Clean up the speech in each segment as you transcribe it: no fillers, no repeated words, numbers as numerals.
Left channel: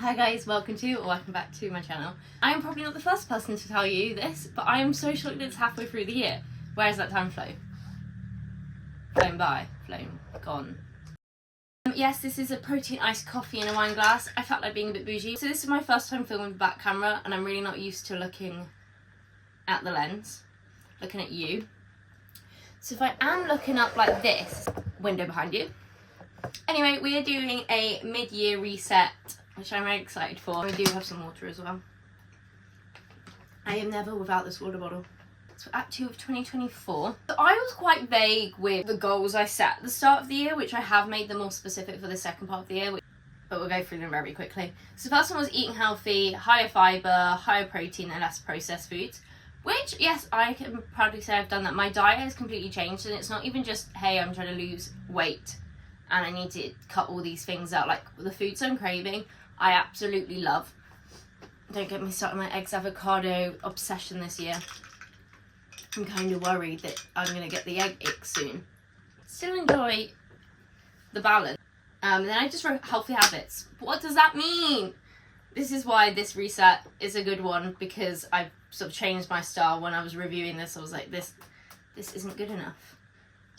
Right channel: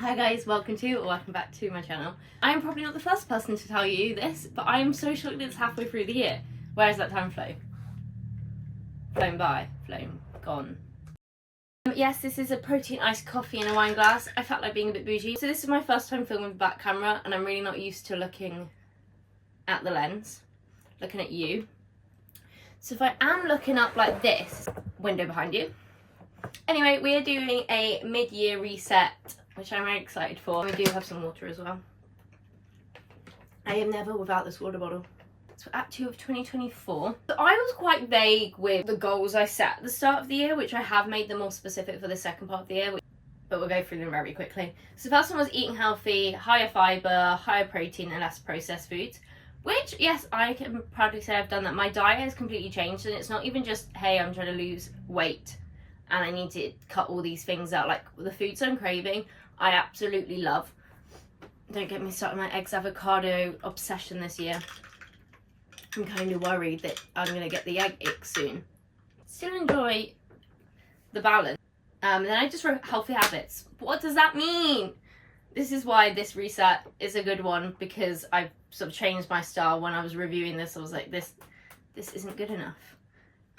Hi guys, welcome back to my channel. I am probably not the first person to tell you this, but I am so shocked it's halfway through the year. Where has that time flown? Flown by, flown, gone. Yes, this is a protein iced coffee in a wine glass. I felt like being a bit bougie. So this is my first time filming with back camera and I'm really not used to looking at the lens, looking at you. So if I am looking up like this, window behind you. Anyway, we are doing a mid-year reset, which I'm very excited for. We do have some water as well. I am never without this water bottle. So Act 2 of 2024. So I was quite vague with the goals I set at the start of the year, which I have made them more specific for the second part of the year, but we'll go through them very quickly. So the first one was eating healthy, higher fibre, higher protein and less processed foods. Which, yes, I can proudly say I've done that. My diet has completely changed and it's not even just, hey, I'm trying to lose weight and I need to cut all these things out. Like the foods I'm craving, I absolutely love. Don't get me started on my eggs avocado obsession this year. I'm kind of worried that I'm going to get the egg ick soon. Still enjoy the balance. Then I just wrote healthy habits. What does that mean? This is why this reset is a good one, because I've sort of changed my style. When I was reviewing this, I was like, this isn't good enough.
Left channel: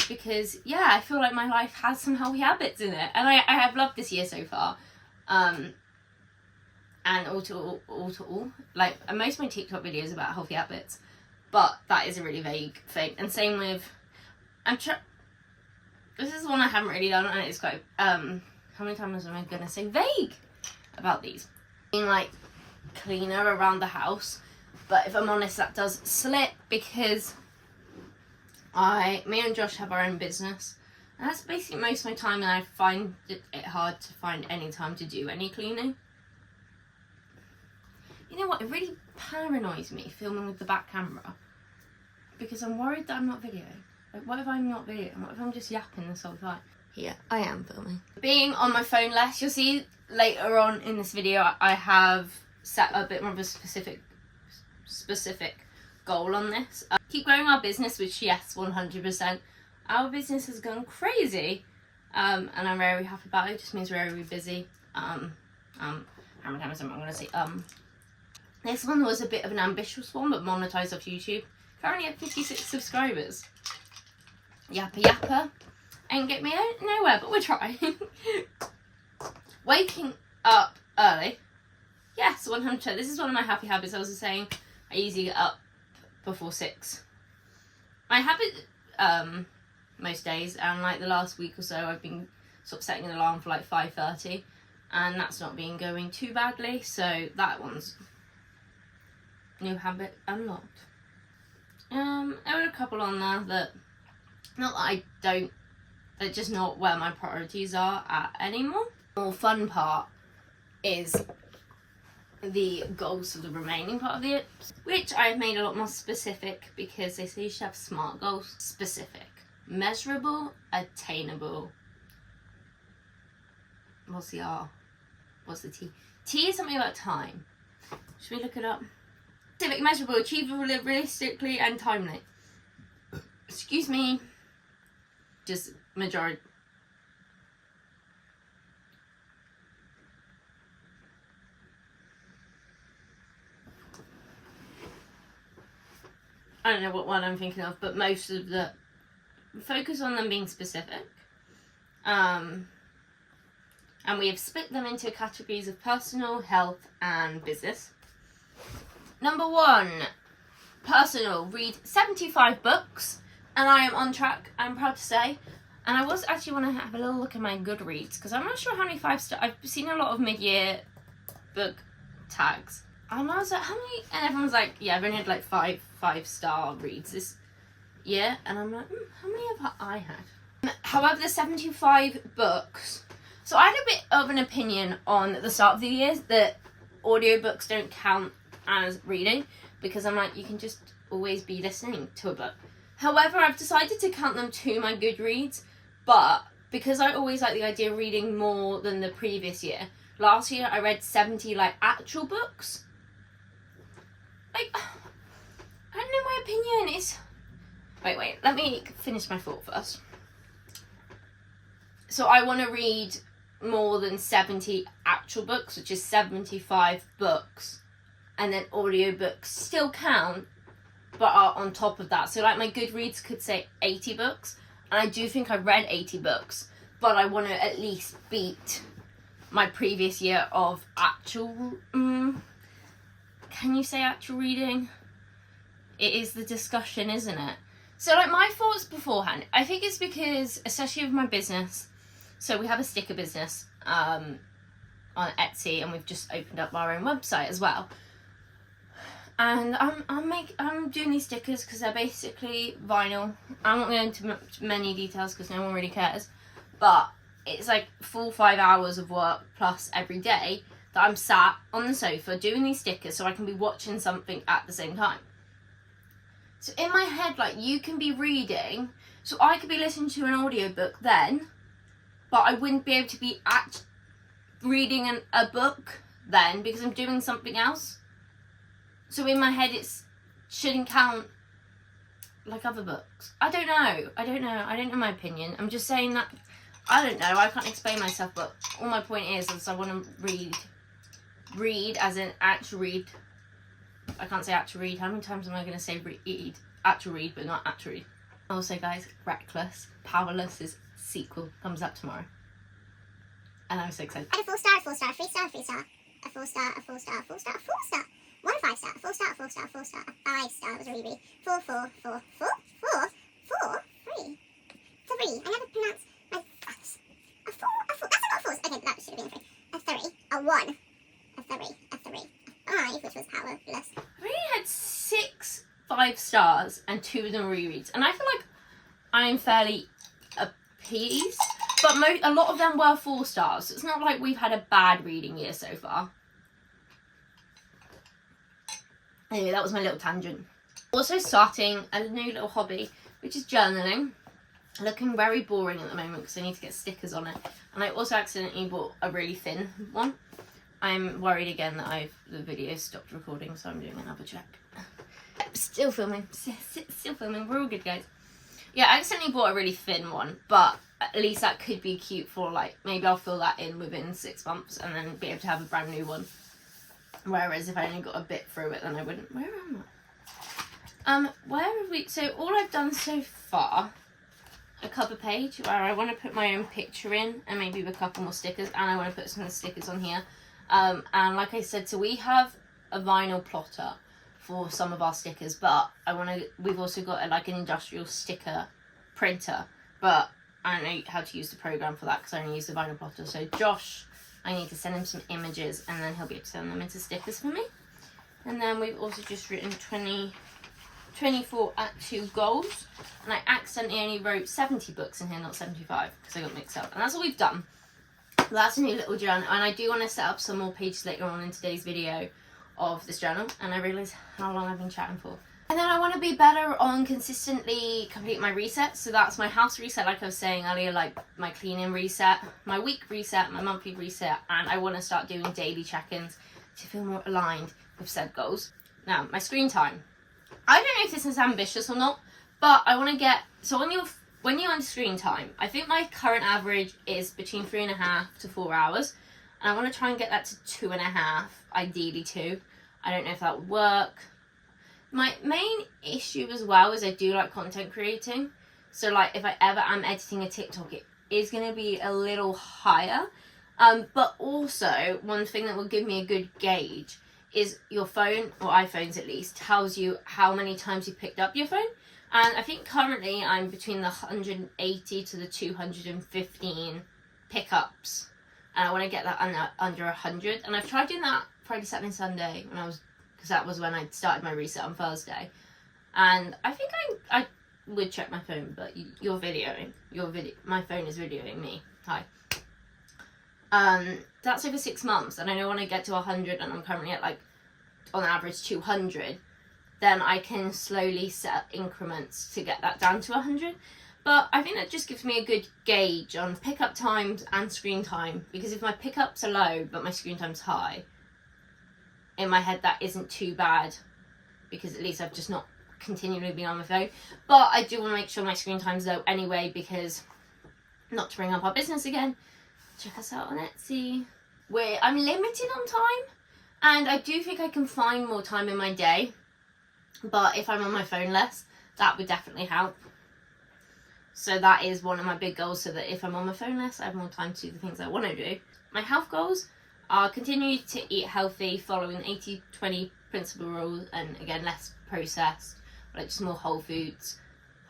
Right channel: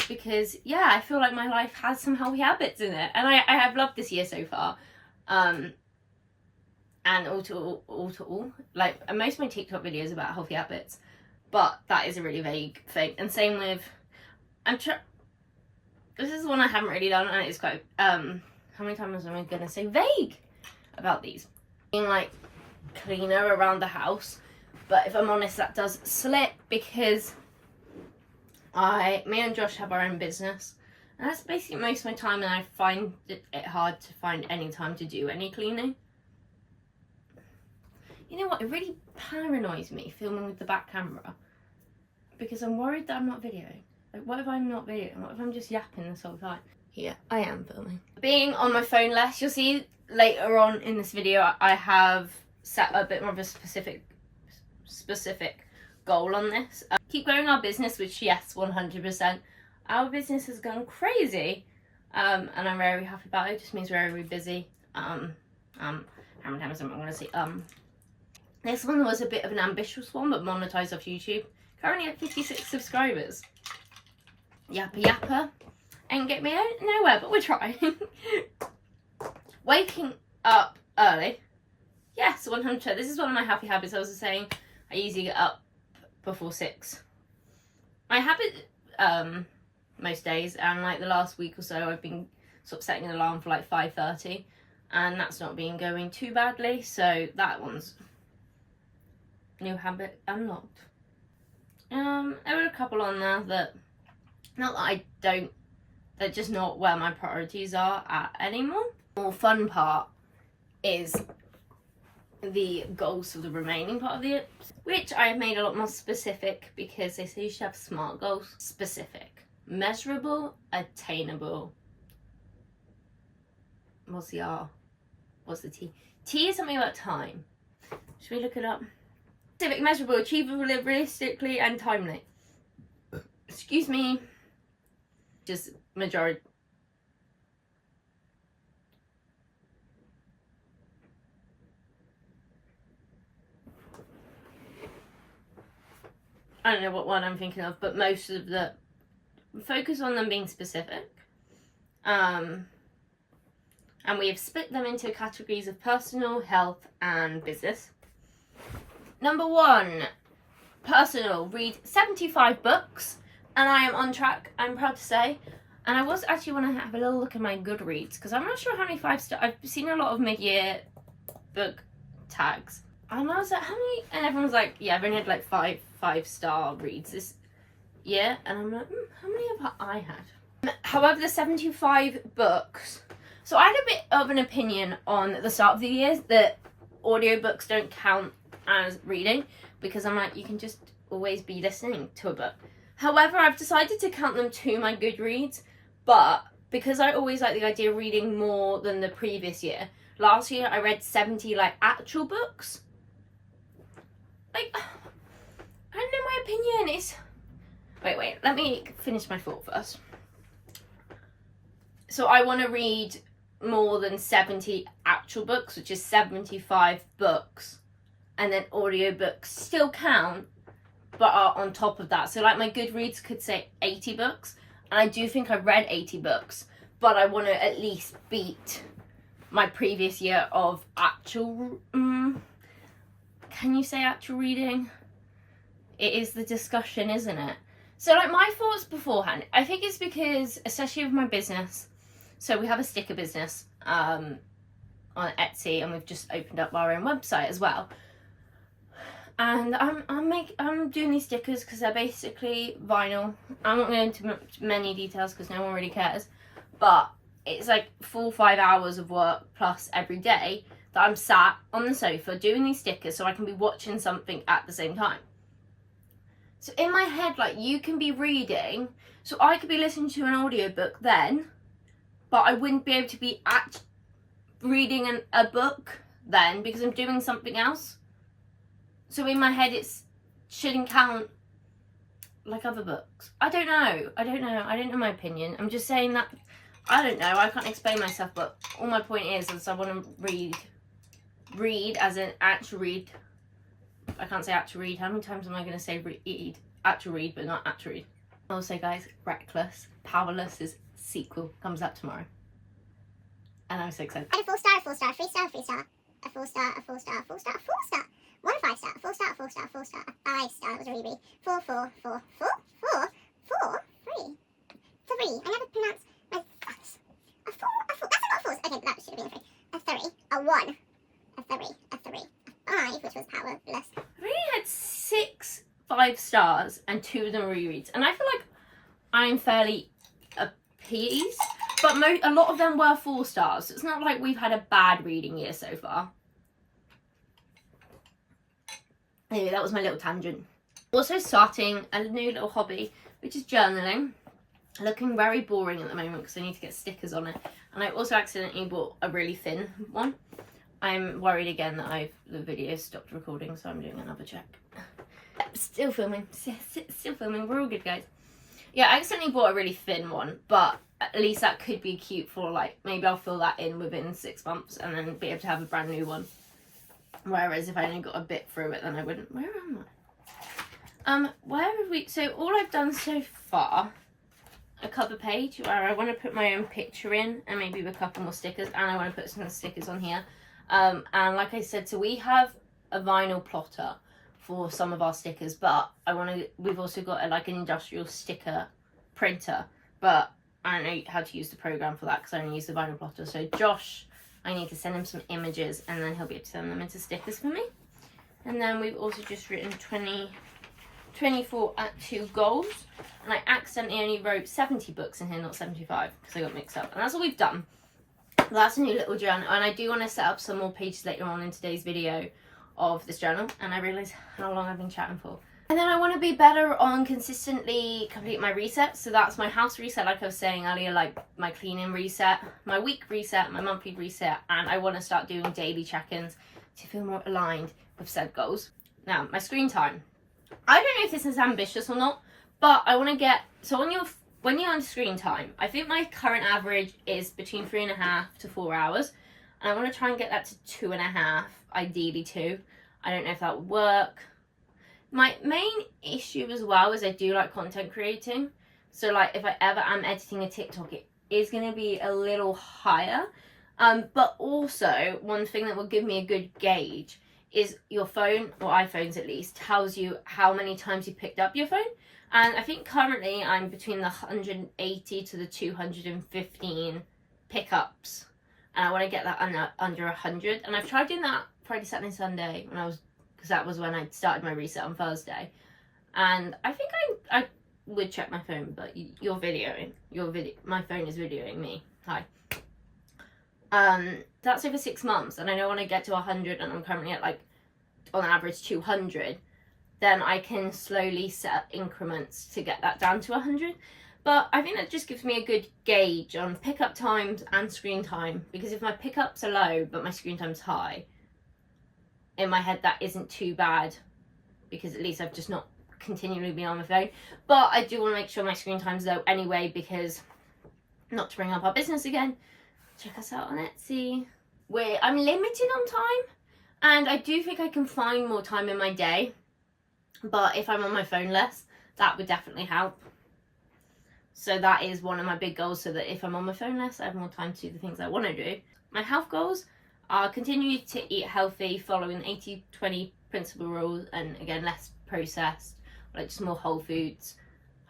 Because, yeah, I feel like my life has some healthy habits in it. And I have loved this year so far. And all to all, like, most of my TikTok videos about healthy habits. But that is a really vague thing. And same with, this is one I haven't really done, and it's quite, how many times am I going to say vague about these? Being like cleaner around the house. But if I'm honest, that does slip because me and Josh have our own business. And that's basically most of my time, and I find it hard to find any time to do any cleaning. You know what, it really paranoids me filming with the back camera because I'm worried that I'm not videoing. Like, what if I'm not videoing? What if I'm just yapping this whole time? Here, I am filming. Being on my phone less, you'll see later on in this video I have set a bit more of a specific goal on this. Keep growing our business, which yes, 100%. Our business has gone crazy and I'm very happy about it. It just means we're very busy. How many times am I going to say This one was a bit of an ambitious one, but monetized off YouTube. Currently at 56 subscribers. Yappa yappa. Ain't get me nowhere, but we're trying. Waking up early. Yes, 100%. This is one of my happy habits. I was saying I usually get up before 6. My habit, most days, and like the last week or so, I've been sort of setting an alarm for like 5:30. And that's not been going too badly, so that one's new habit unlocked. There were a couple on there that, not that I don't, they're just not where my priorities are at anymore. The more fun part is the goals for the remaining part of the year, which I have made a lot more specific because they say you should have SMART goals. Specific, measurable, attainable. What's the R? What's the T? T is something about time. Should we look it up? Specific, measurable, achievable, realistically, and timely. Excuse me. Just majority. I don't know what one I'm thinking of, but most of the focus on them being specific. And we have split them into categories of personal, health, and business. Number 1, personal, read 75 books, and I am on track, I'm proud to say. And I was actually want to have a little look at my Goodreads, because I'm not sure how many 5-star, I've seen a lot of mid-year book tags. And I was like, how many, and everyone's like, yeah, I've only had like 5-star reads this year, and I'm like, how many have I had? However, the 75 books, so I had a bit of an opinion on the start of the year that audiobooks don't count as reading, because I'm like, you can just always be listening to a book. However, I've decided to count them to my Goodreads, but because I always like the idea of reading more than the previous year, last year I read 70 like actual books. Like, I don't know, my opinion is, wait, let me finish my thought first. So I want to read more than 70 actual books, which is 75 books, and then audiobooks still count, but are on top of that. So like my Goodreads could say 80 books, and I do think I've read 80 books, but I want to at least beat my previous year of actual, can you say actual reading? It is the discussion, isn't it? So like my thoughts beforehand, I think it's because, especially with my business, so we have a sticker business on Etsy, and we've just opened up our own website as well. And I'm doing these stickers because they're basically vinyl. I'm not going into many details because no one really cares, but it's like 4 or 5 hours of work plus every day that I'm sat on the sofa doing these stickers so I can be watching something at the same time. So in my head, like, you can be reading, so I could be listening to an audiobook then, but I wouldn't be able to be reading a book then because I'm doing something else. So in my head, it shouldn't count like other books. I don't know my opinion. I'm just saying that, I don't know, I can't explain myself, but all my point is I want to read as in actual read. I can't say actual read. How many times am I going to say read? Actual read, but not actual read. Also, guys, Reckless, Powerless's sequel comes out tomorrow. And I'm so excited. I had a 4-star, 4-star, 3-star, 3-star, a 4-star, a 4-star, a 4-star, a 4-star, 1 5-star, 4-star, 4-star, 4-star, a 5-star, was a ruby, 4, 4, 4, 4, 4, 4, 3. 3. I never pronounced my thoughts. A 4, that's a lot of 4s. Okay, that should have been a 3. A 3, a 1, a 3, a 3, a 5, which was powerless. I've only had 6 5-stars and 2 of them rereads, and I feel like I'm fairly appeased, but a lot of them were 4-stars, so it's not like we've had a bad reading year so far. Anyway, that was my little tangent. Also starting a new little hobby, which is journaling. Looking very boring at the moment because I need to get stickers on it, and I also accidentally bought a really thin one. I'm worried again that the video stopped recording, so I'm doing another check. Still filming, still filming, we're all good, guys. Yeah, I accidentally bought a really thin one, but at least that could be cute for, like, maybe I'll fill that in within 6 months and then be able to have a brand new one. Whereas if I only got a bit through it, then I wouldn't. Where am I? Where have we, so all I've done so far, a cover page where I want to put my own picture in and maybe a couple more stickers, and I want to put some stickers on here. And like I said, so we have a vinyl plotter for some of our stickers, but we've also got an industrial sticker printer, but I don't know how to use the program for that because I only use the vinyl plotter. So Josh, I need to send him some images and then he'll be able to send them into stickers for me. And then we've also just written 24 at 2 goals, and I accidentally only wrote 70 books in here, not 75, because I got mixed up, and that's all we've done. That's a new little journal, and I do want to set up some more pages later on in today's video of this journal, and I realise how long I've been chatting for. And then I want to be better on consistently complete my resets. So that's my house reset, like I was saying earlier, like my cleaning reset, my week reset, my monthly reset, and I want to start doing daily check-ins to feel more aligned with said goals. Now, my screen time. I don't know if this is ambitious or not, but I want to get, so when you're on screen time, I think my current average is between 3.5 to 4 hours, and I want to try and get that to 2.5, ideally 2. I don't know if that would work. My main issue as well is I do like content creating, so like if I ever am editing a TikTok, it is going to be a little higher, but also one thing that will give me a good gauge is your phone, or iPhones at least, tells you how many times you picked up your phone. And I think currently I'm between the 180 to the 215 pickups, and I want to get that under 100. And I've tried doing that Friday, Saturday, Sunday because that was when I started my reset on Thursday. And I think I would check my phone, but you're videoing. My phone is videoing me. Hi. That's over 6 months, and I know when I get to 100, and I'm currently at like on average 200, then I can slowly set up increments to get that down to 100. But I think that just gives me a good gauge on pickup times and screen time, because if my pickups are low but my screen time's high, in my head that isn't too bad, because at least I've just not continually been on my phone. But I do want to make sure my screen time's low anyway, because, not to bring up our business again, check us out on Etsy. I'm limited on time, and I do think I can find more time in my day, but if I'm on my phone less, that would definitely help. So that is one of my big goals, so that if I'm on my phone less, I have more time to do the things I want to do. My health goals are continue to eat healthy, following 80-20 principle rules, and again, less processed, like just more whole foods,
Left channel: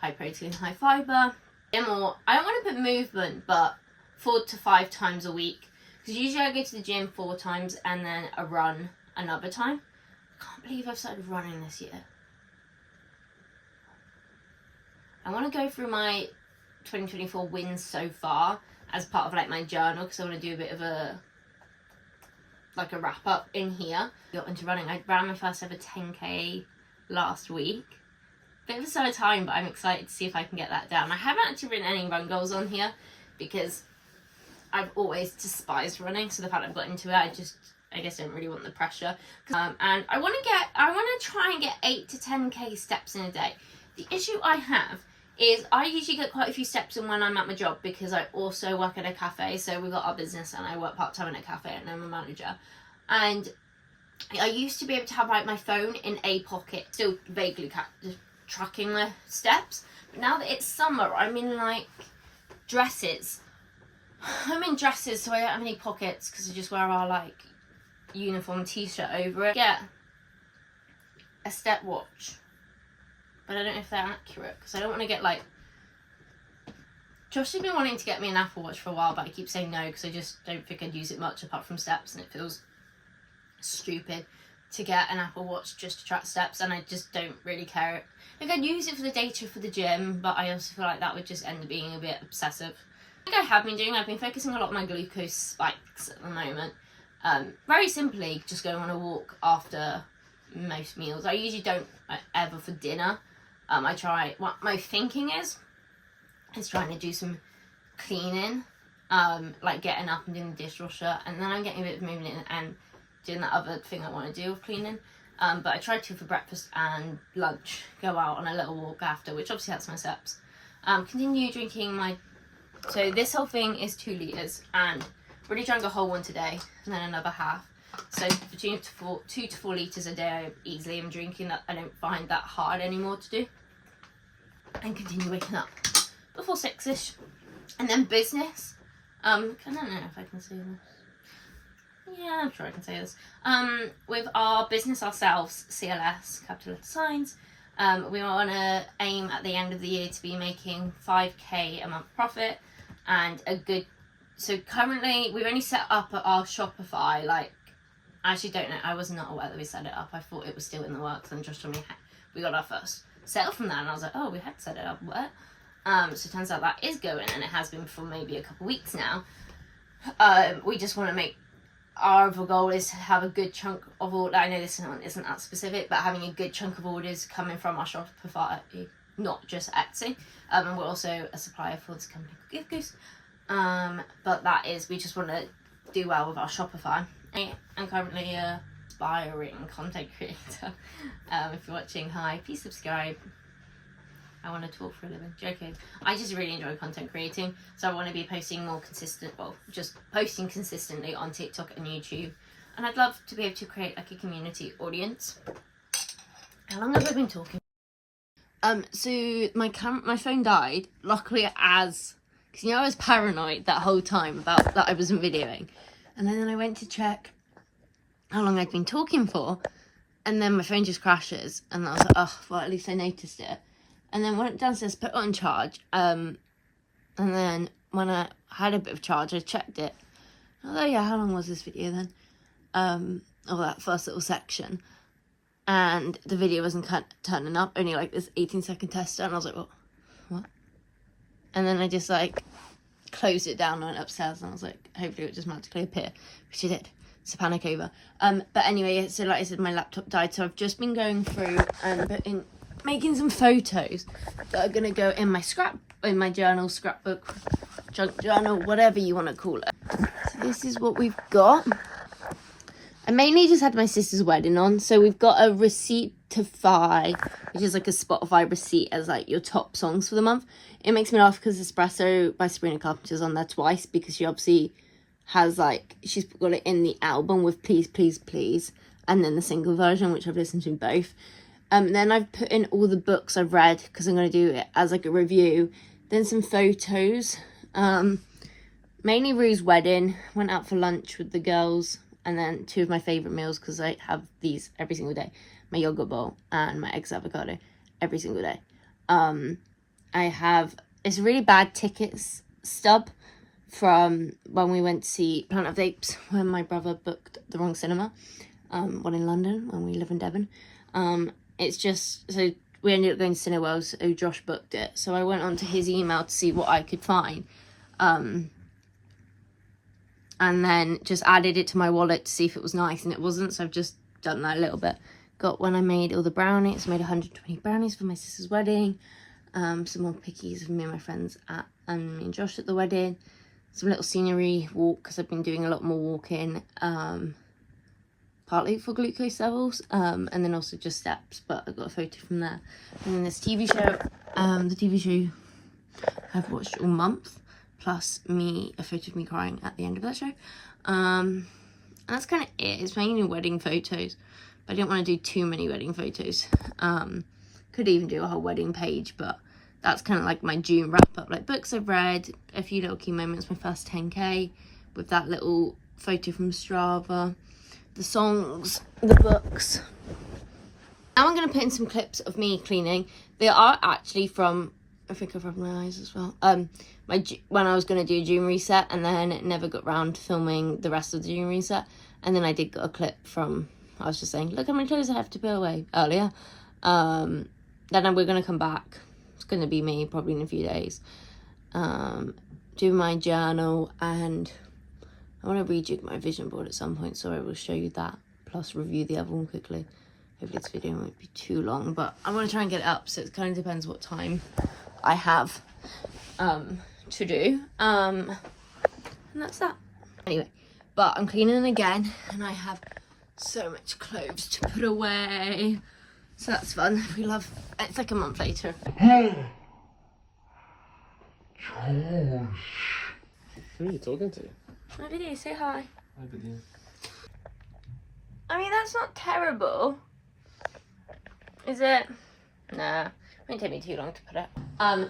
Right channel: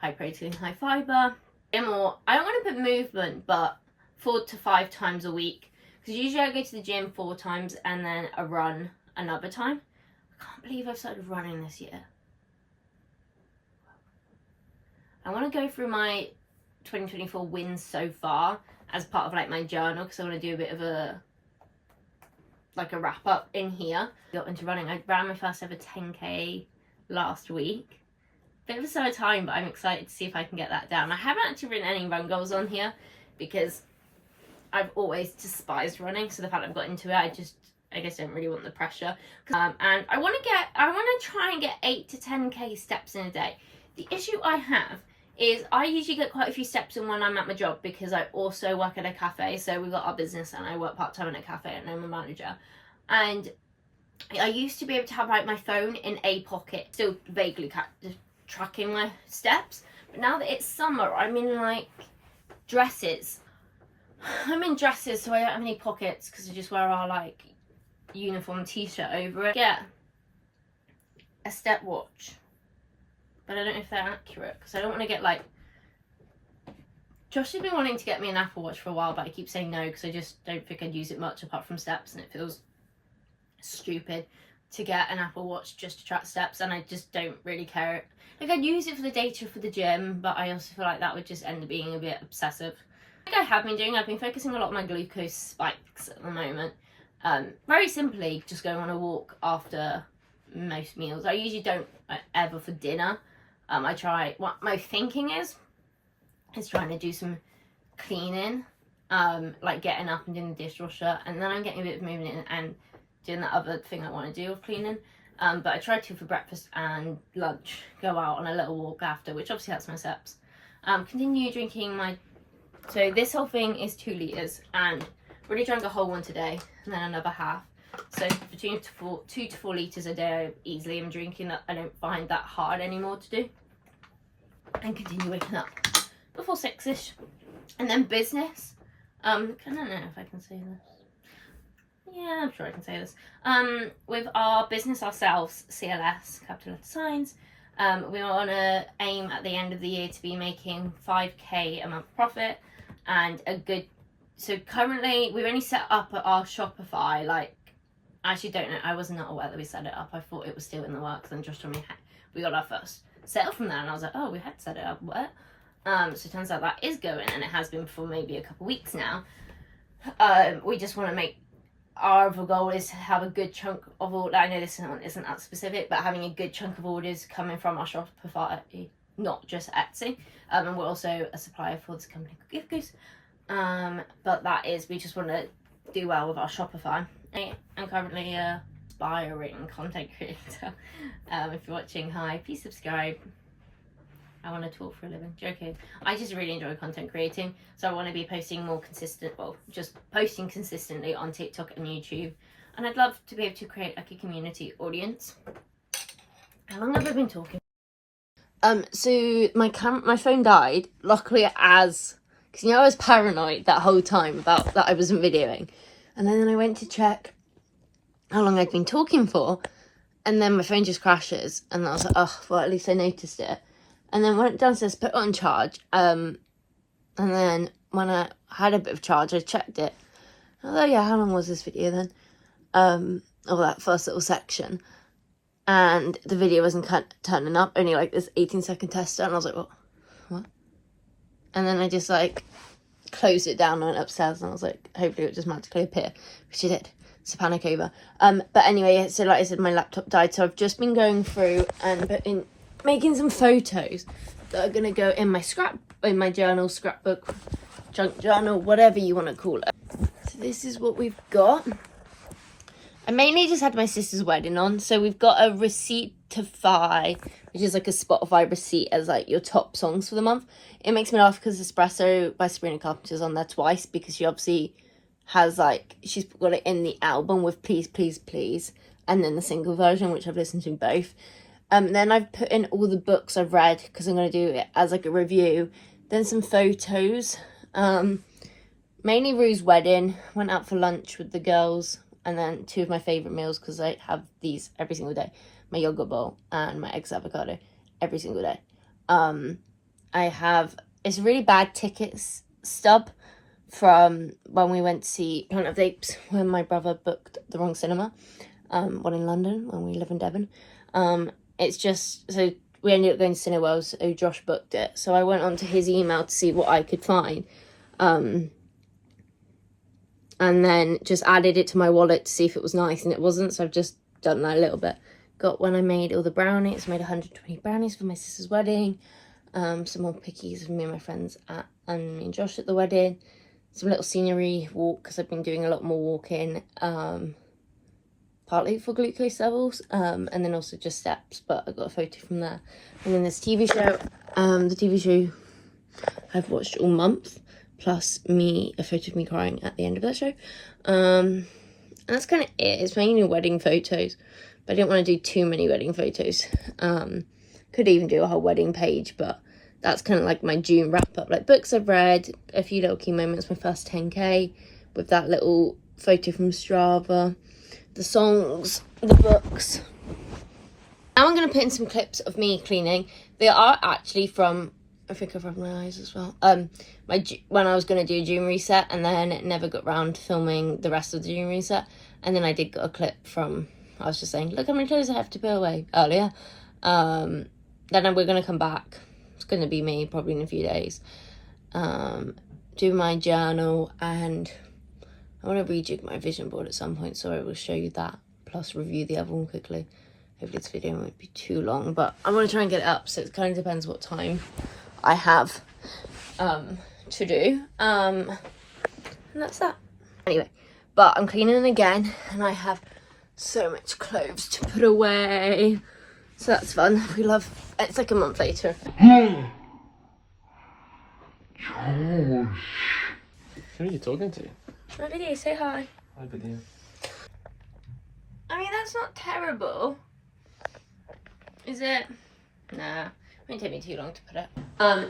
high protein, high fibre. I don't want to put movement, but 4 to 5 times a week. Because usually I go to the gym 4 times and then a run another time. I can't believe I've started running this year. I want to go through my 2024 wins so far as part of like my journal, because I want to do a bit of a wrap up in here. Got into running. I ran my first ever 10k last week. Bit of a slow time, but I'm excited to see if I can get that down. I haven't actually written any run goals on here because I've always despised running, so the fact I've got into it, I guess don't really want the pressure. And I want to try and get 8 to 10k steps in a day. The issue I have is I usually get quite a few steps in when I'm at my job, because I also work at a cafe. So we've got our business and I work part-time in a cafe and I'm a manager. And I used to be able to have like my phone in a pocket, still vaguely just tracking my steps. But now that it's summer, I'm in like dresses. I'm in dresses, so I don't have any pockets because I just wear our like uniform t-shirt over it. Get a step watch, but I don't know if they're accurate because I don't want to get like... Josh has been wanting to get me an Apple Watch for a while, but I keep saying no because I just don't think I'd use it much apart from steps, and it feels stupid to get an Apple Watch just to track steps, and I just don't really care. Like, I'd use it for the data for the gym, but I also feel like that would just end up being a bit obsessive. I think I have been doing, I've been focusing a lot on my glucose spikes at the moment. Very simply, just going on a walk after most meals. I usually don't ever for dinner. What my thinking is trying to do some cleaning, like getting up and doing the dishwasher, and then I'm getting a bit of movement in and doing that other thing I want to do of cleaning. But I try to for breakfast and lunch, go out on a little walk after, which obviously helps my steps. Continue drinking my... So this whole thing is 2 litres, and really drank a whole one today, and then another half. So between 2 to 4 litres a day I easily am drinking. That I don't find that hard anymore to do. And continue waking up before 6ish. And then business. I don't know if I can say this. Yeah, I'm sure I can say this. With our business ourselves, CLS, capital letter signs, we want to aim at the end of the year to be making 5k a month profit, and a good... So currently we've only set up our Shopify, like, I actually don't know, I was not aware that we set it up. I thought it was still in the works, and Josh told me we got our first sale from that, and I was like, oh, we had set it up, what? So it turns out that is going, and it has been for maybe a couple of weeks now. We just want to make... Our other goal is to have a good chunk of orders. I know this isn't that specific, but having a good chunk of orders coming from our Shopify, not just Etsy. And we're also a supplier for this company called Gift Goose. But that is, we just want to do well with our Shopify. I'm currently a aspiring content creator. If you're watching, hi, please subscribe. I want to talk for a living. Joking. I just really enjoy content creating, so I want to be posting more just posting consistently on TikTok and YouTube. And I'd love to be able to create like a community audience. How long have I been talking? So my phone died. Luckily, because I was paranoid that whole time about that I wasn't videoing, and then I went to check how long I'd been talking for, and then my phone just crashes, and I was like, oh, well, at least I noticed it. And then went downstairs, put it on charge, and then when I had a bit of charge, I checked it. I was like, yeah, how long was this video then? Or that first little section. And the video wasn't turning up, only like this 18-second tester, and I was like, what? And then I just like closed it down and went upstairs, and I was like, hopefully it would just magically appear, which it did. It's a panic over. But anyway, so like I said, my laptop died, so I've just been going through and making some photos that are gonna go in my journal, scrapbook, junk journal, whatever you want to call it. So this is what we've got. I mainly just had my sister's wedding on, so we've got a Receiptify, which is like a Spotify receipt as like your top songs for the month. It makes me laugh because Espresso by Sabrina Carpenter's on there twice, because she obviously has like, she's got it in the album with Please Please Please, and then the single version, which I've listened to both. Then I've put in all the books I've read, because I'm going to do it as like a review. Then some photos, mainly Rue's wedding. Went out for lunch with the girls, and then 2 of my favourite meals, because I have these every single day. My yogurt bowl and my eggs avocado every single day. I have, it's a really bad tickets stub from when we went to see Planet of the Apes, when my brother booked the wrong cinema, one in London when we live in Devon. It's just, so we ended up going to Cineworld, so Josh booked it. So I went onto his email to see what I could find. And then just added it to my wallet to see if it was nice, and it wasn't, so I've just done that a little bit. Got when I made all the brownies, made 120 brownies for my sister's wedding. Some more pickies for me and my friends and me and Josh at the wedding. Some little scenery walk, because I've been doing a lot more walking, partly for glucose levels, and then also just steps, but I got a photo from there. And then this TV show, the TV show I've watched all month, plus a photo of me crying at the end of that show. And that's kind of it. It's mainly wedding photos, but I didn't want to do too many wedding photos. Could even do a whole wedding page, but that's kind of like my June wrap up, like books I've read, a few little key moments, my first 10k with that little photo from Strava, the songs, the books. Now I'm going to put in some clips of me cleaning. They are actually from, I think I've rubbed my eyes as well, when I was going to do a June reset, and then it never got round to filming the rest of the June reset. And then I did get a clip from, I was just saying, look how many clothes I have to put away earlier. Then we're going to come back. It's going to be me probably in a few days. Do my journal, and I want to rejig my vision board at some point, so I will show you that, plus review the other one quickly. Hopefully this video won't be too long, but I want to try and get it up, so it kind of depends what time I have to do. And that's that. Anyway, but I'm cleaning again, and I have so much clothes to put away. So that's fun. It's like a month later. Who are you talking to? My video, say hi. Hi, video. I mean, that's not terrible. Is it? Nah, it won't take me too long to put it.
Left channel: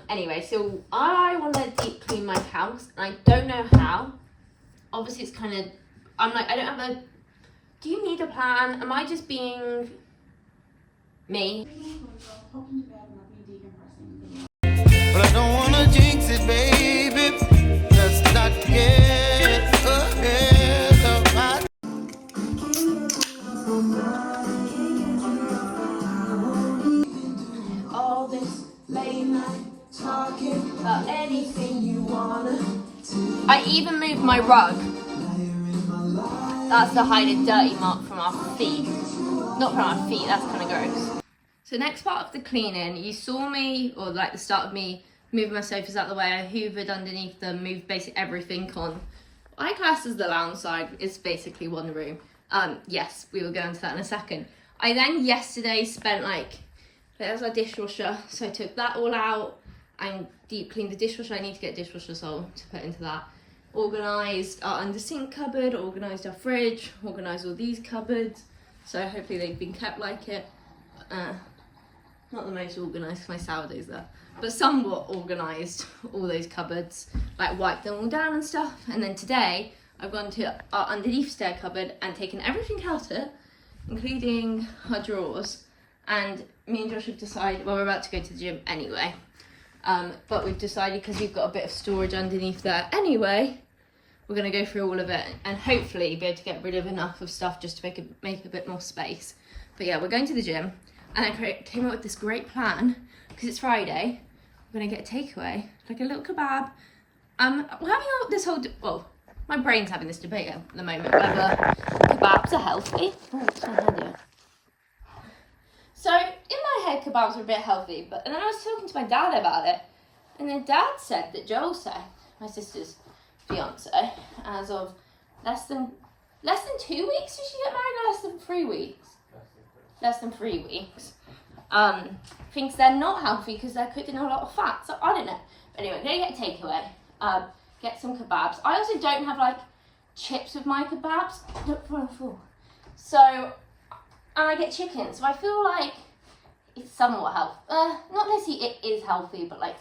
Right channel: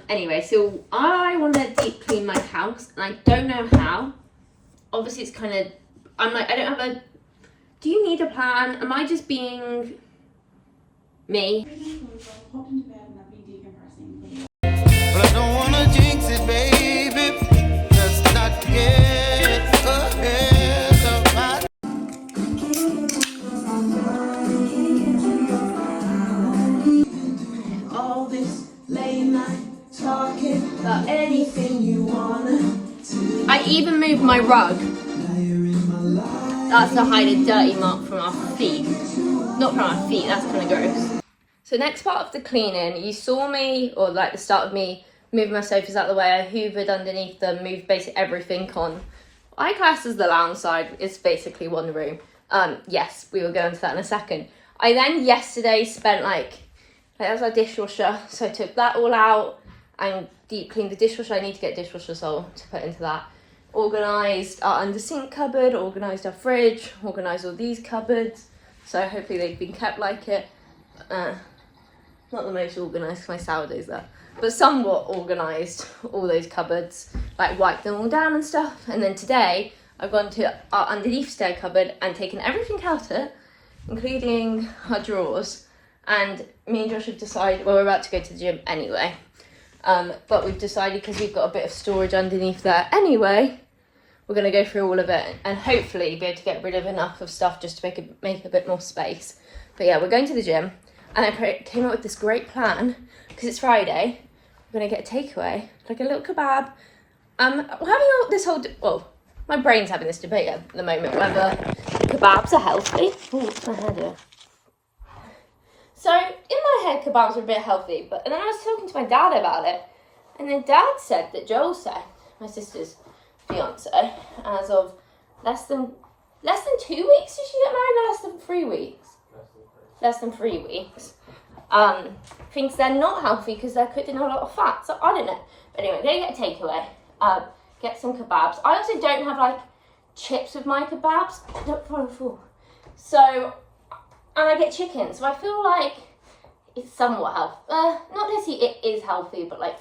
Anyway, so I want to deep clean my house, and I don't know how. Obviously, it's kind of, I'm like, I don't have a, do you need a plan? Am I just being me? But I don't wanna jinx it, baby. Let's not get ahead of my. All this late night talking about anything you wanna. I even moved my rug. That's to hide a dirty mark from our feet. Not from our feet, that's kind of gross. So next part of the cleaning, you saw me, or like the start of me, moving my sofas out of the way. I hoovered underneath them, moved basically everything on. I class as the lounge side, it's basically one room. Yes, we will go into that in a second. I then yesterday spent that's our dishwasher, so I took that all out and deep cleaned the dishwasher. I need to get dishwasher sole to put into that. Organised our under sink cupboard, organised our fridge, organised all these cupboards. So hopefully they've been kept like it. Not the most organised, my sourdough's there, but somewhat organised, all those cupboards, like wiped them all down and stuff. And then today I've gone to our underneath stair cupboard and taken everything out of it, including our drawers. And me and Josh have decided, well, we're about to go to the gym anyway, but we've decided, because we've got a bit of storage underneath there anyway, we're going to go through all of it and hopefully be able to get rid of enough of stuff just to make a bit more space. But yeah, we're going to the gym, and I came up with this great plan, because it's Friday. We're going to get a takeaway, like a little kebab. We're having this whole, well, my brain's having this debate at the moment, whether kebabs are healthy. Oh, what's my hand here? So, in my head, kebabs are a bit healthy, but and then I was talking to my dad about it, and then Dad said that Joel said, my sister's fiance, as of less than 2 weeks did she get married, or less than 3 weeks? Less than 3 weeks. Thinks they're not healthy because they're cooked in a lot of fat, so I don't know. But anyway, they get a takeaway, get some kebabs. I also don't have chips with my kebabs. So, and I get chicken, so I feel like it's somewhat healthy. Not necessarily it is healthy, but like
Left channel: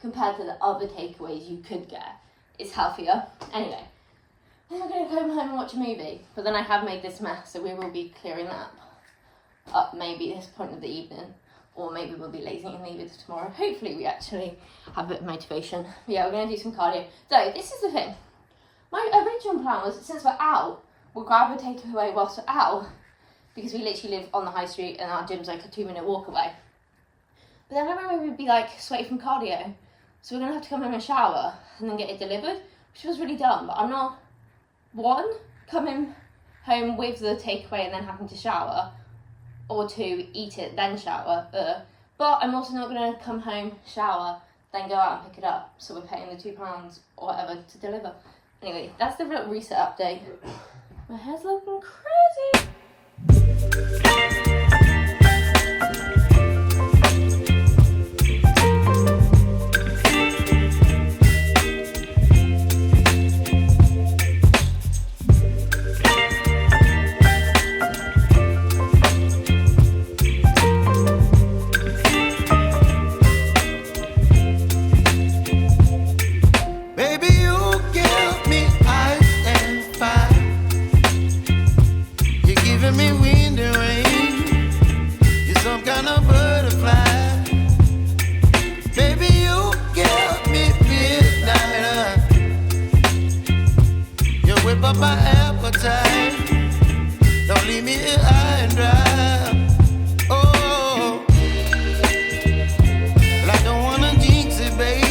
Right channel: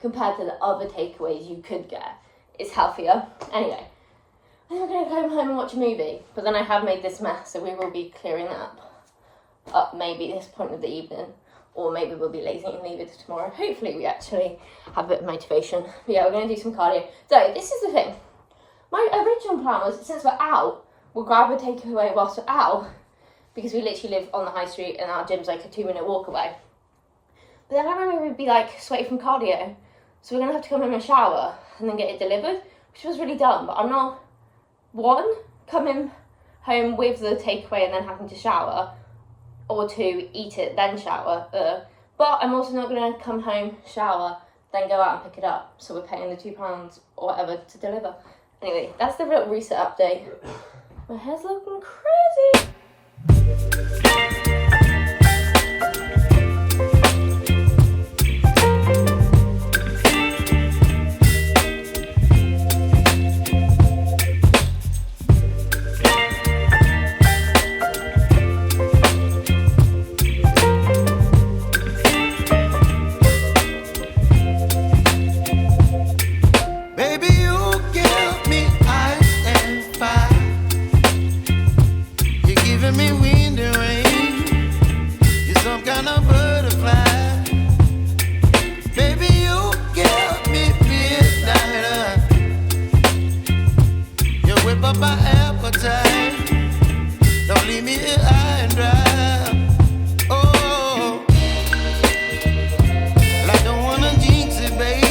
compared to the other takeaways you could get, it's healthier. Anyway, I think I'm going to go home and watch a movie, but then I have made this mess, so we will be clearing that up maybe this point of the evening, or maybe we'll be lazy and leave it to tomorrow. Hopefully we actually have a bit of motivation. But yeah, we're going to do some cardio. So this is the thing. My original plan was, since we're out, we'll grab a takeaway whilst we're out, because we literally live on the high street and our gym's like a 2-minute walk away. But then I remember we'd be like sweaty from cardio, so we're going to have to come home and shower and then get it delivered, which was really dumb. But I'm not, one, coming home with the takeaway and then having to shower, or two, eat it, then shower. But I'm also not going to come home, shower, then go out and pick it up. So we're paying the £2 or whatever to deliver. Anyway, that's the little reset update. My hair's looking crazy. Baby, you give me ice and fire. You're giving me wind and rain. You're some kind of butterfly. Baby, you give me midnight. You whip up my appetite. Don't leave me here high and dry. Oh, well, I don't wanna jinx it, baby.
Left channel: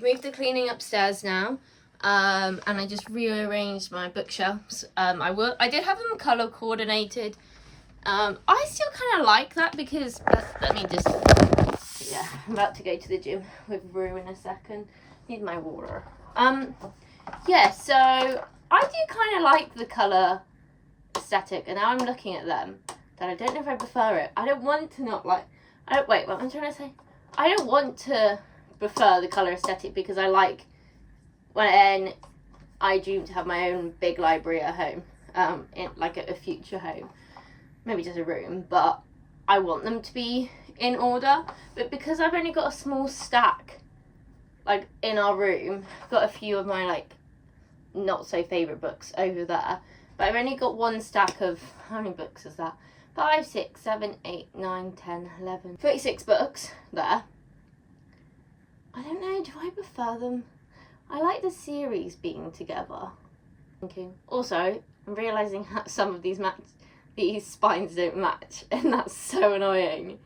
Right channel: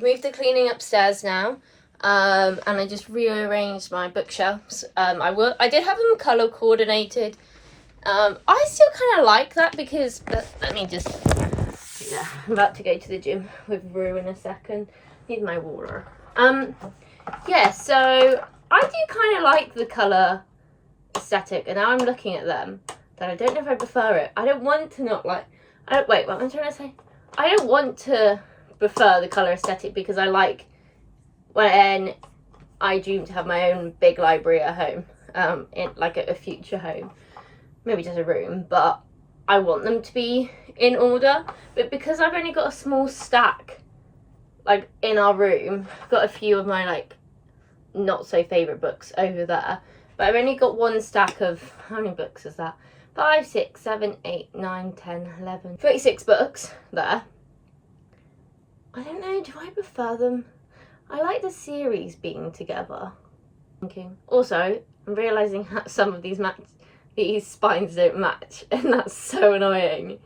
Moved the cleaning upstairs now, and I just rearranged my bookshelves. I did have them colour coordinated. I still kind of like that because let me just, yeah, I'm about to go to the gym with Rue in a second. Need my water. Yeah, so I do kind of like the colour aesthetic, and now I'm looking at them that I don't know if I prefer it. I don't want to not like. Wait, what am I trying to say? I don't want to prefer the colour aesthetic because I like when I dream to have my own big library at home, in like a future home, maybe just a room, but I want them to be in order. But because I've only got a small stack like in our room, I've got a few of my like not so favourite books over there, but I've only got one stack of, how many books is that? 5, 6, 7, 8, 9, 10, 11, 36 books there. I don't know, do I prefer them? I like the series being together. Okay. Also, I'm realising how some of these spines don't match, and that's so annoying.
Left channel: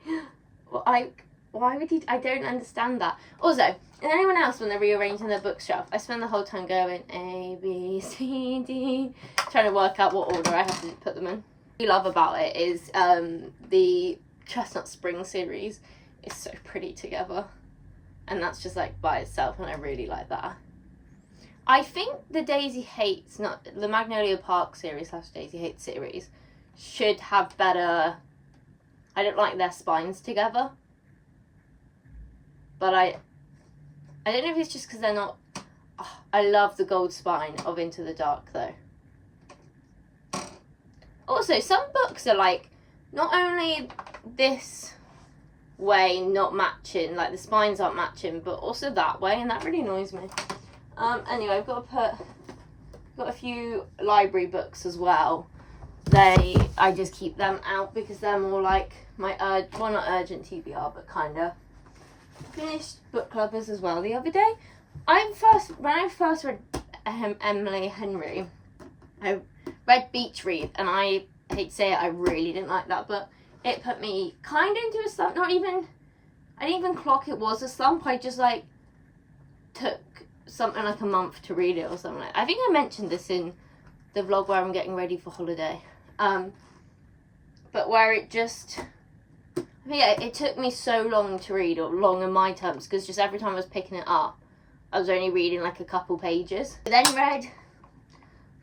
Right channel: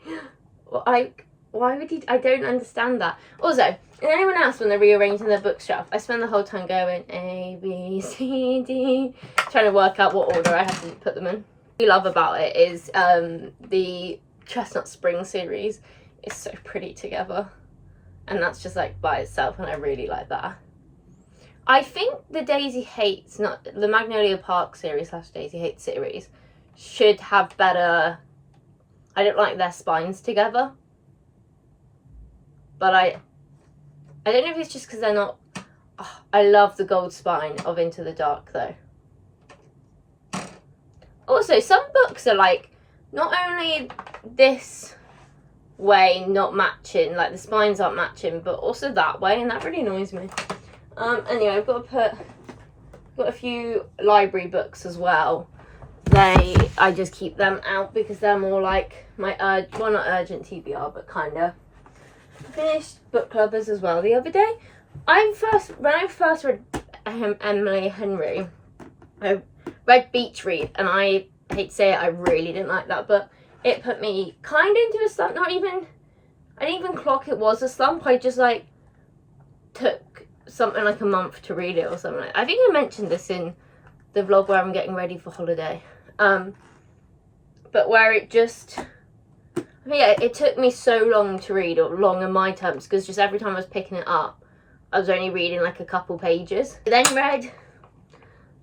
Like, why would you? I don't understand that. Also, and anyone else when they're rearranging their bookshelf, I spend the whole time going A, B, C, D, trying to work out what order I have to put them in. What I love about it is the Chestnut Spring series is so pretty together. And that's just like by itself, and I really like that. I think the Daisy Hates, not the Magnolia Park series / Daisy Hates series, should have better. I don't like their spines together, but I don't know if it's just because they're not. Oh, I love the gold spine of Into the Dark though. Also, some books are like not only this way not matching, like the spines aren't matching, but also that way, and that really annoys me. Anyway, I've got a few library books as well. I just keep them out because they're more like my well, not urgent TBR, but kind of. Finished book clubbers as well the other day. When I first read Emily Henry, I read Beach Read, and I hate to say it, I really didn't like that book. It put me kind of into a slump. I didn't even clock it was a slump. I just like took something like a month to read it or something. I think I mentioned this in the vlog where I'm getting ready for holiday. But where it just, yeah, it took me so long to read, or long in my terms, because just every time I was picking it up, I was only reading like a couple pages. I then read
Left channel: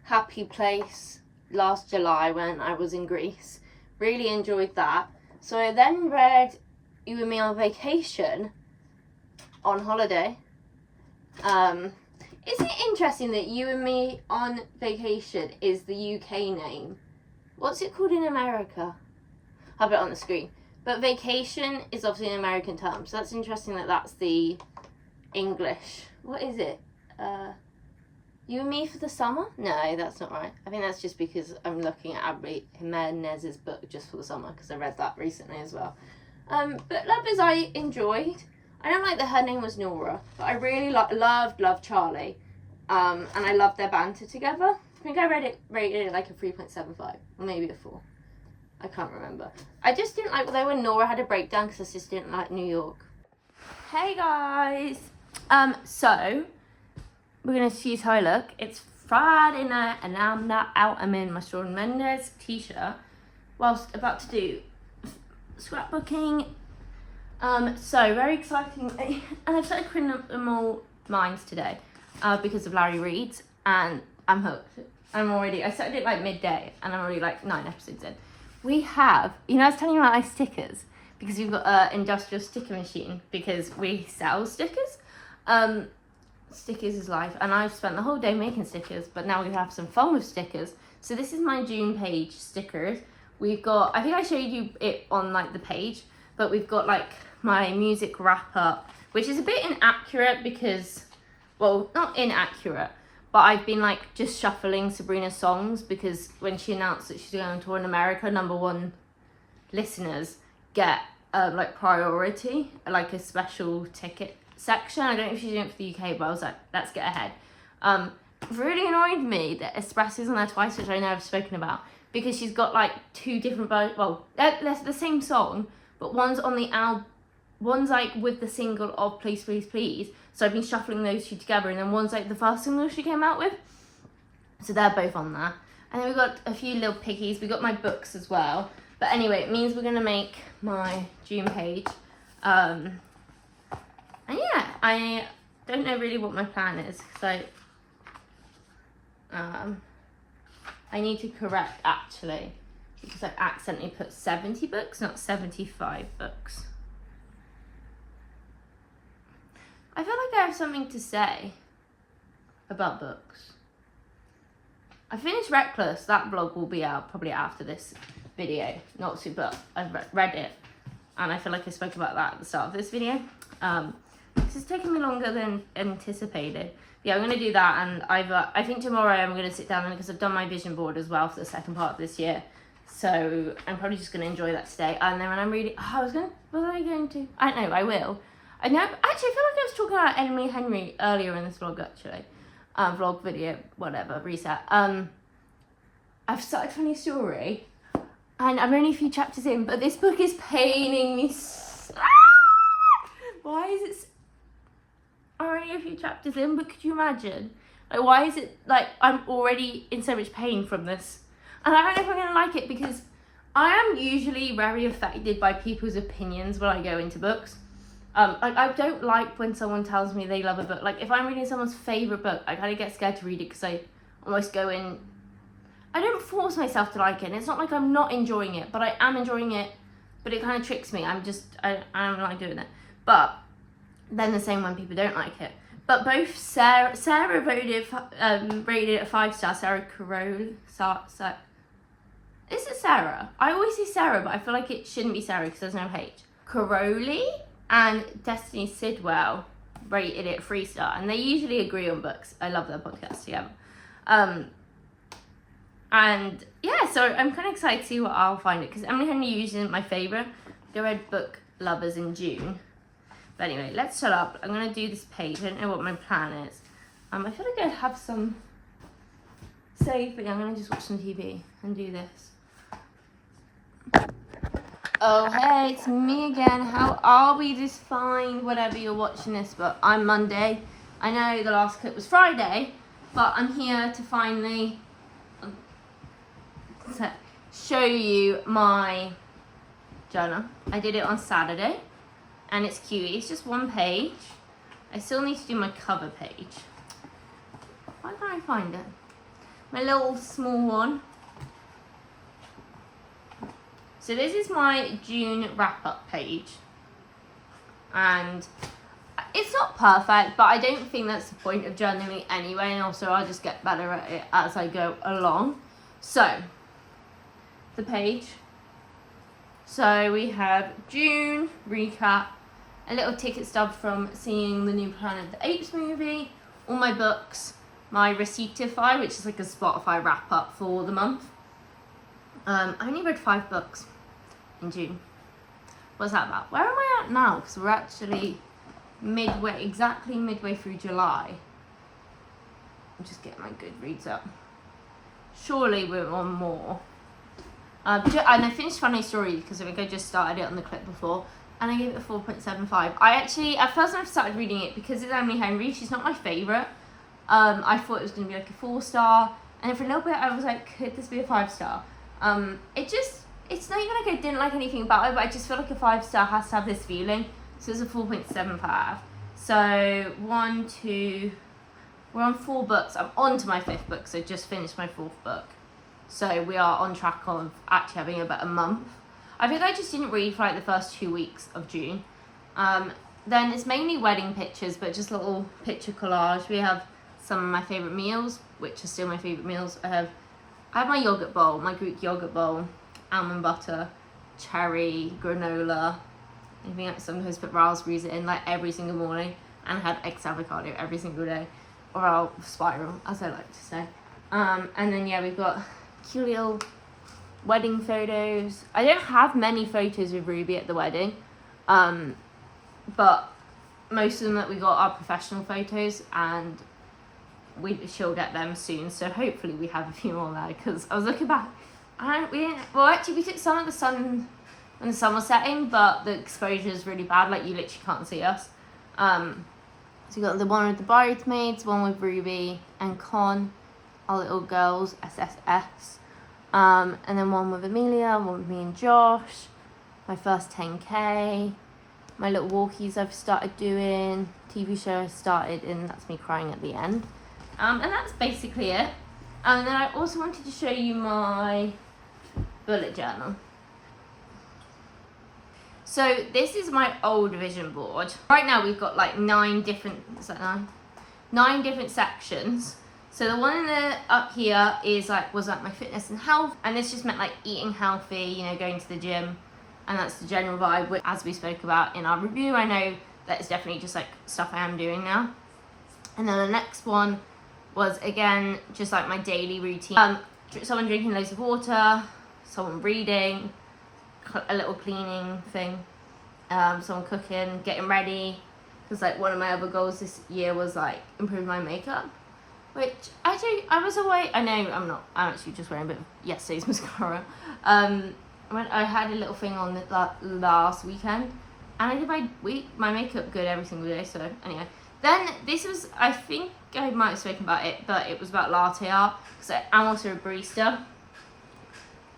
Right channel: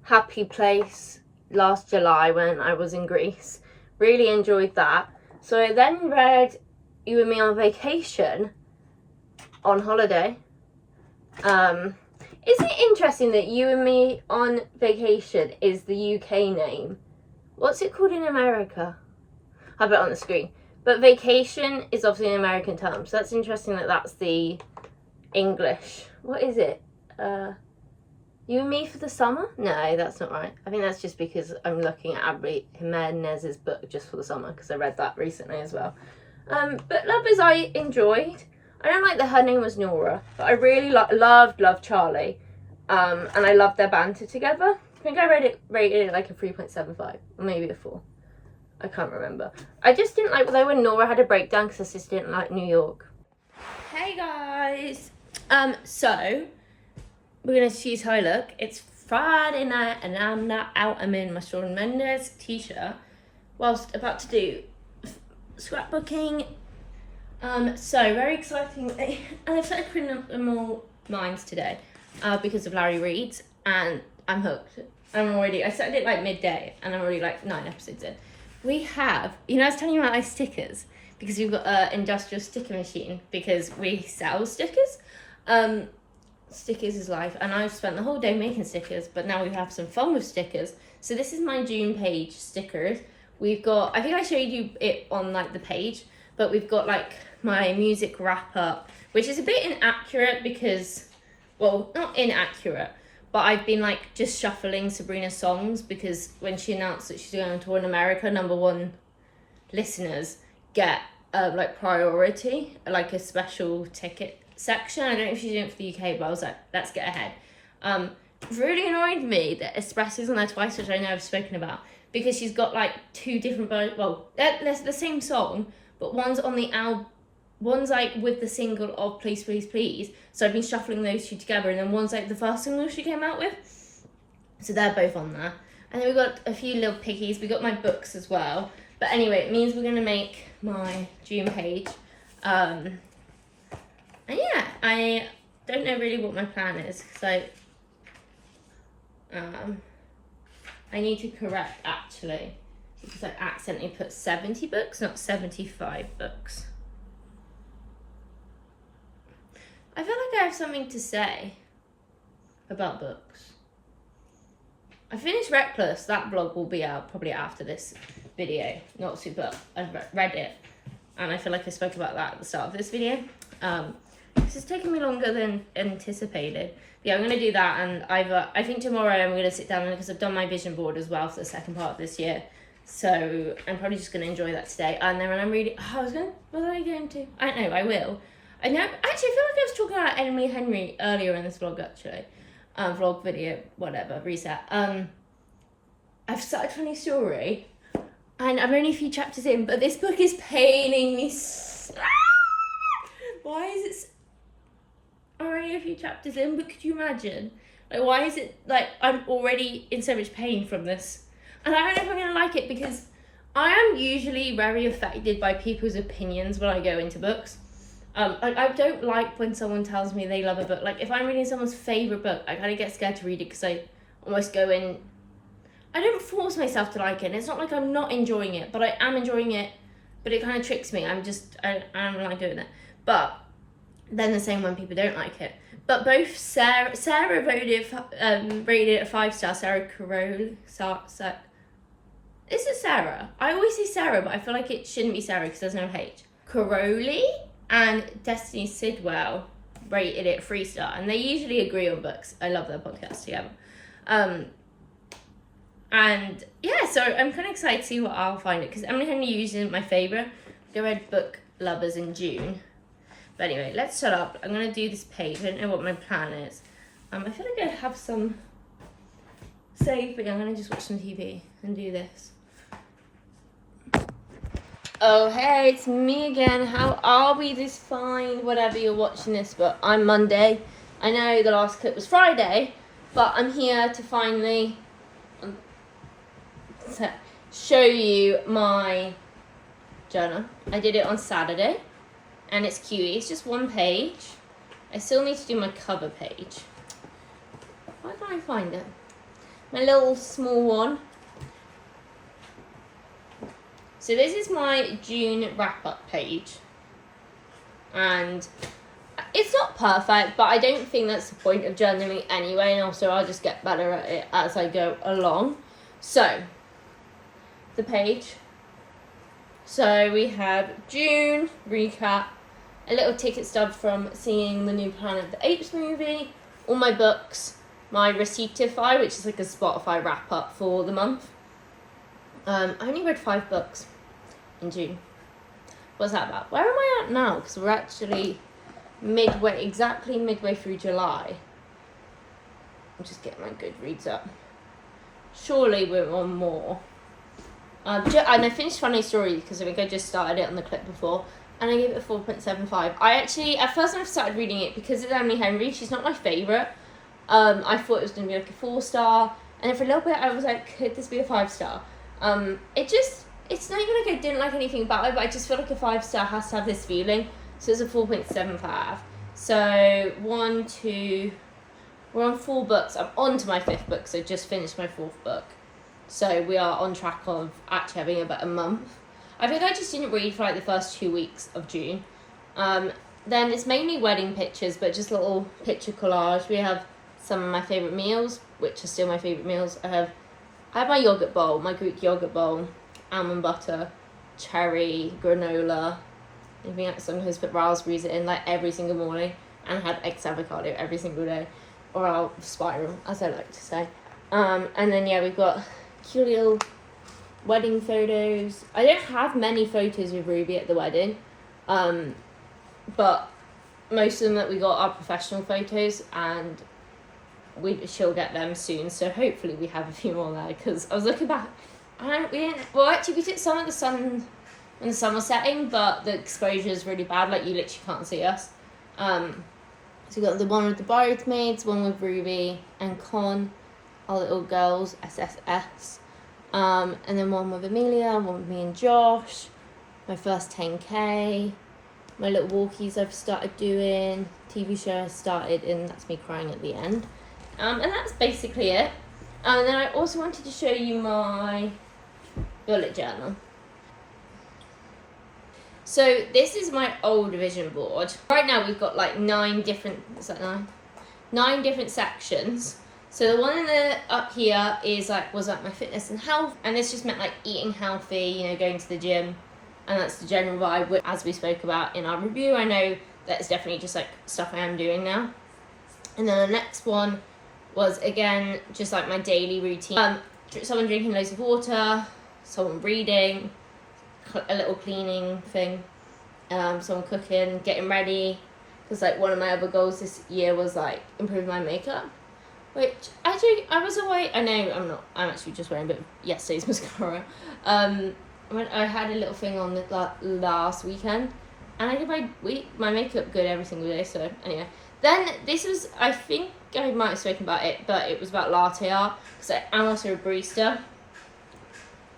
Happy Place last July when I was in Greece. Really enjoyed that. So I then read You and Me on Vacation on holiday. Isn't it interesting that You and Me on Vacation is the UK name? What's it called in America? I'll put it on the screen. But vacation is obviously an American term, so that's interesting that that's the English. What is it? You and Me for the Summer? No, that's not right. I think that's just because I'm looking at Abby Jimenez's book Just for the Summer, because I read that recently as well. But Lovers I enjoyed. I don't like that her name was Nora, but I really loved Charlie. And I loved their banter together. I think I rated it like a 3.75, or maybe a 4. I can't remember. I just didn't like though when Nora had a breakdown because I just didn't like New York. Hey guys. So we're gonna see how I look. It's Friday night and I'm not out. I'm in my Shawn Mendes t-shirt whilst about to do scrapbooking. So very exciting. And I've started printing up more lines today because of Larry Reed's, and I'm hooked. I started it like midday and I'm already like 9 episodes in. We have, I was telling you about my stickers because we've got an industrial sticker machine because we sell stickers. Stickers is life, and I've spent the whole day making stickers, but now we have some fun with stickers. So this is my June page stickers. We've got, I think I showed you it on like the page, but we've got like my music wrap up, which is a bit inaccurate because, well, not inaccurate, but I've been like just shuffling Sabrina's songs because when she announced that she's going on tour in America, #1 listeners get like priority, like a special ticket section. I don't know if she's doing it for the UK, but I was like, let's get ahead. Really annoyed me that Espresso's on there twice, which I know I've spoken about, because she's got like 2 different versions. Well, they're the same song, but one's on the album. One's like with the single of Please Please Please, so I've been shuffling those 2 together, and then one's like the first single she came out with, so they're both on there. And then we've got a few little piggies. We got my books as well, but anyway, it means we're gonna make my June page. And yeah, I don't know really what my plan is, so I need to correct actually, because I accidentally put 70 books, not 75 books. I feel like I have something to say about books. I finished Reckless. That vlog will be out probably after this video. Not super. I've read it, and I feel like I spoke about that at the start of this video. This has taken me longer than anticipated. But yeah, I'm going to do that, and I think tomorrow I'm going to sit down, because I've done my vision board as well for the second part of this year. So I'm probably just going to enjoy that today. And then when I'm reading, I don't know, I will. I know, actually, I feel like I was talking about Emily Henry earlier in this vlog, actually. Vlog, video, whatever, reset. I've started Funny Story, and I'm only a few chapters in, but this book is paining me. Why is it? I'm only a few chapters in, but could you imagine? Like, why is it, like, I'm already in so much pain from this? And I don't know if I'm going to like it, because I am usually very affected by people's opinions when I go into books. Like, I don't like when someone tells me they love a book. Like, if I'm reading someone's favourite book, I kind of get scared to read it, because I almost go in, I don't force myself to like it, and it's not like I'm not enjoying it, but I am enjoying it, but it kind of tricks me. I'm like doing it. But then the same when people don't like it. But both Sarah rated it a 5-star. Sarah Carole. Is it Sarah? I always say Sarah, but I feel like it shouldn't be Sarah because there's no H. Carole and Destiny Sidwell rated it a 3-star, and they usually agree on books. I love their podcast together. And yeah, so I'm kind of excited to see what I'll find it, because Emily Henry usually isn't my favourite. I read Book Lovers in June. But anyway, let's shut up. I'm going to do this page. I don't know what my plan is. I feel like I have some saving. I'm going to just watch some TV and do this. Oh, hey, it's me again. How are we this fine? Whatever you're watching this, but I'm Monday. I know the last clip was Friday, but I'm here to finally, to show you my journal. I did it on Saturday, and it's cutie. It's just one page. I still need to do my cover page. Why can't I find it? My little small one. So this is my June wrap-up page, and it's not perfect, but I don't think that's the point of journaling anyway, and also I'll just get better at it as I go along. So, the page. So we have June recap, a little ticket stub from seeing the new Planet of the Apes movie, all my books, my Receiptify, which is like a Spotify wrap-up for the month. I only read 5 books in June. What's that about? Where am I at now? Because we're actually exactly midway through July. I'm just getting my Goodreads up. Surely we're on more. And I finished Funny Story because I think I just started it on the clip before, and I gave it a 4.75. I actually, at first when I started reading it, because it's Emily Henry, she's not my favourite. I thought it was going to be like a 4-star, and then for a little bit I was like, could this be a 5-star? It's not even like I didn't like anything about it, but I just feel like a 5-star has to have this feeling. So it's a 4.75. So 1, 2, we're on 4 books. I'm on to my 5th book, so I just finished my 4th book. So we are on track of actually having about a month. I think I just didn't read for like the first 2 weeks of June. Then it's mainly wedding pictures, but just little picture collage. We have some of my favourite meals, which are still my favourite meals. I have my yogurt bowl, my Greek yogurt bowl, almond butter, cherry, granola. I think I sometimes put raspberries in like every single morning, and I had eggs avocado every single day, or I'll spiral, as I like to say. And then yeah, we've got cute little wedding photos. I don't have many photos of Ruby at the wedding, but most of them that we got are professional photos, and she'll get them soon. So hopefully we have a few more there, because I was looking back, and we took some of the sun when the sun was setting, but the exposure is really bad. Like you literally can't see us. So we got the one with the bridesmaids, one with Ruby and Con, our little girls, SSS. And then one with Amelia, one with me and Josh. My first 10K. My little walkies I've started doing. TV show I started, and that's me crying at the end. And that's basically it. And then I also wanted to show you my bullet journal. So this is my old vision board. Right now we've got like 9 different, is that 9? 9 different sections. So the one in the up here is was my fitness and health, and this just meant like eating healthy, you know, going to the gym, and that's the general vibe, which, as we spoke about in our review, I know that it's definitely just like stuff I am doing now. And then the next one was again just like my daily routine. Someone drinking loads of water, someone reading, a little cleaning thing, someone cooking, getting ready, because like one of my other goals this year was like improve my makeup, which actually I was away. I know I'm actually just wearing a bit of yesterday's mascara. I had a little thing on the last weekend, and I did my makeup good every single day. So anyway, then this was, I think I might have spoken about it, but it was about latte art, because I'm also a barista.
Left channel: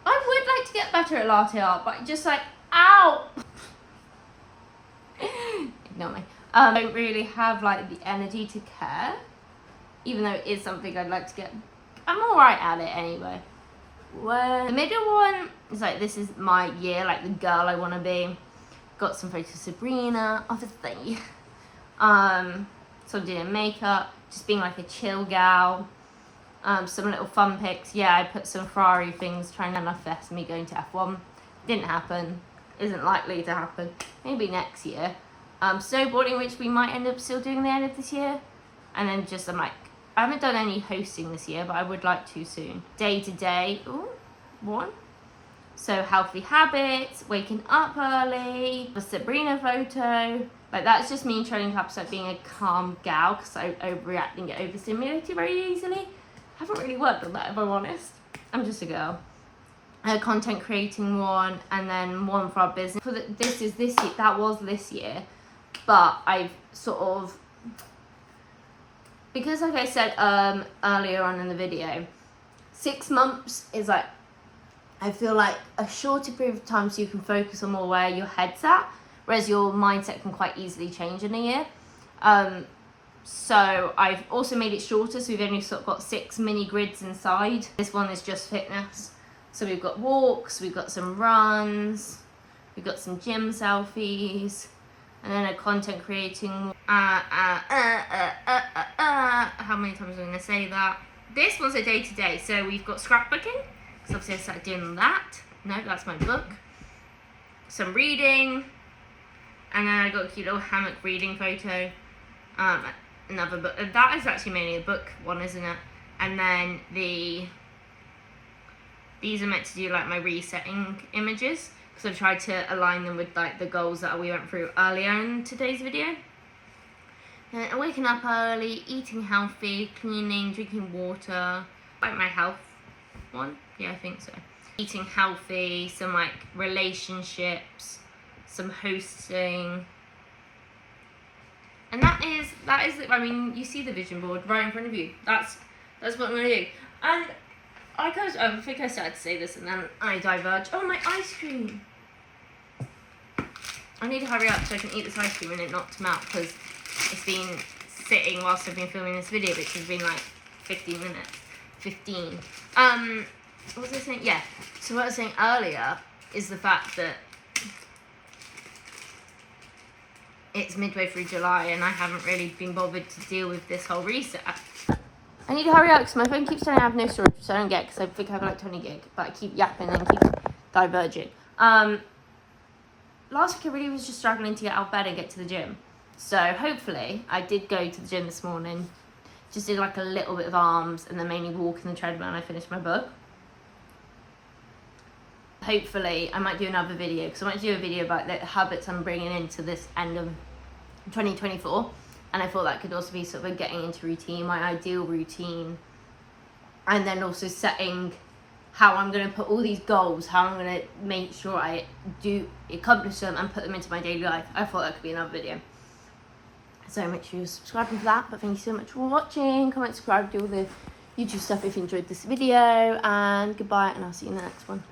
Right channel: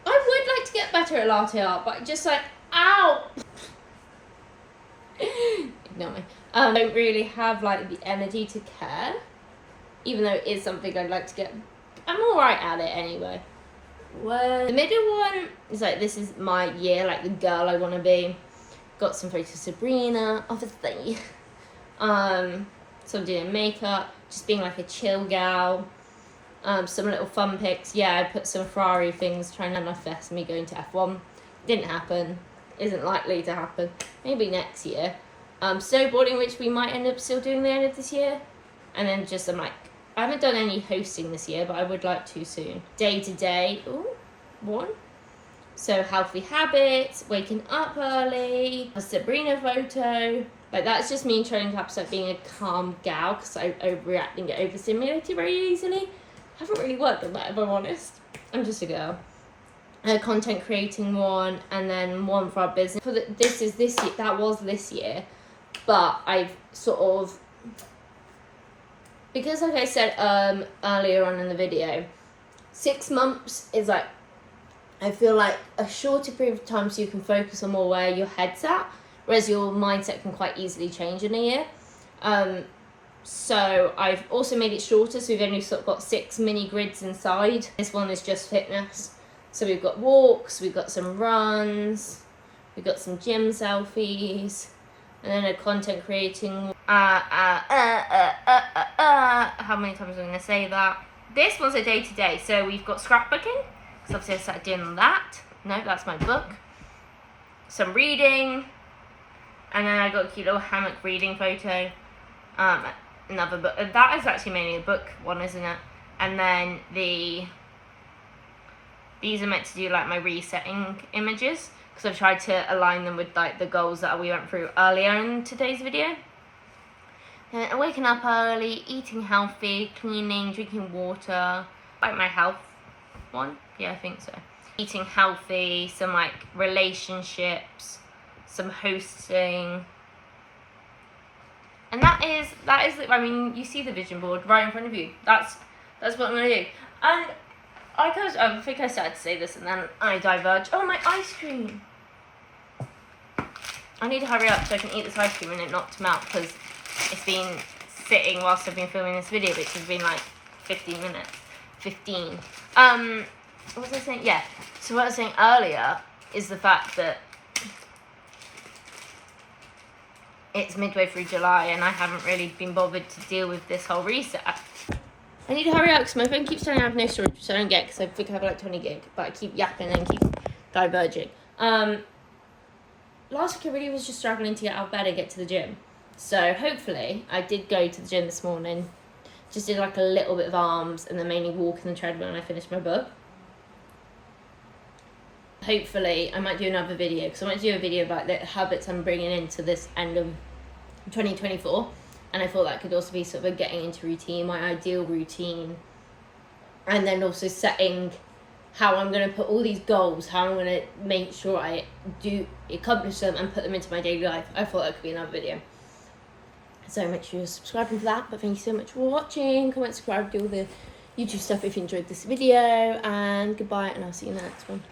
I would like to get better at latte art, but just like, ow! Ignore me. I don't really have like the energy to care, even though it is something I'd like to get. I'm alright at it anyway. The middle one is like, this is my year, like the girl I want to be. Got some photos of Sabrina, obviously. So I'm doing makeup, just being like a chill gal. Some little fun pics. Yeah, I put some Ferrari things trying to manifest me going to F1. Didn't happen. Isn't likely to happen. Maybe next year. Snowboarding, which we might end up still doing the end of this year. And then just I haven't done any hosting this year, but I would like to soon. Day to day. Ooh, 1. So healthy habits, waking up early, a Sabrina photo. Like that's just me trying to start being a calm gal, because I overreact and get overstimulated very easily. I haven't really worked on that, if I'm honest. I'm just a girl. Content creating one, and then one for our business. This year, that was this year, but I've sort of, because like I said earlier on in the video, 6 months is like I feel like a shorter period of time so you can focus on more where your head's at, whereas your mindset can quite easily change in a year. So I've also made it shorter, so we've only sort of got 6 mini grids inside. This one is just fitness. So we've got walks, we've got some runs, we've got some gym selfies, and then a content creating. How many times am I going to say that? This one's a day-to-day, so we've got scrapbooking, because obviously I started doing that. No, that's my book. Some reading, and then I got a cute little hammock reading photo. Another book. That is actually mainly a book one, isn't it? And then these are meant to do like my resetting images, because I've tried to align them with like the goals that we went through earlier in today's video. And waking up early, eating healthy, cleaning, drinking water, like my health one. Yeah, I think so. Eating healthy, some like relationships, some hosting. And that is, I mean, you see the vision board right in front of you. That's what I'm going to do. And I think I started to say this and then I diverged. Oh, my ice cream. I need to hurry up so I can eat this ice cream and it not to melt, because it's been sitting whilst I've been filming this video, which has been like 15 minutes. 15. What was I saying? Yeah. So what I was saying earlier is the fact that it's midway through July and I haven't really been bothered to deal with this whole reset. I need to hurry up because my phone keeps telling me I have no storage, which I don't get because I think I have like 20 gig, but I keep yapping and keep diverging. Last week I really was just struggling to get out of bed and get to the gym. So hopefully, I did go to the gym this morning, just did like a little bit of arms and then mainly walking the treadmill and I finished my book. Hopefully, I might do another video, because I might do a video about the habits I'm bringing into this end of 2024. And I thought that could also be sort of a getting into routine, my ideal routine. And then also setting how I'm going to put all these goals, how I'm going to make sure I do accomplish them and put them into my daily life. I thought that could be another video. So make sure you're subscribing for that. But thank you so much for watching. Comment, subscribe, do all the YouTube stuff if you enjoyed this video. And goodbye, and I'll see you in the next one.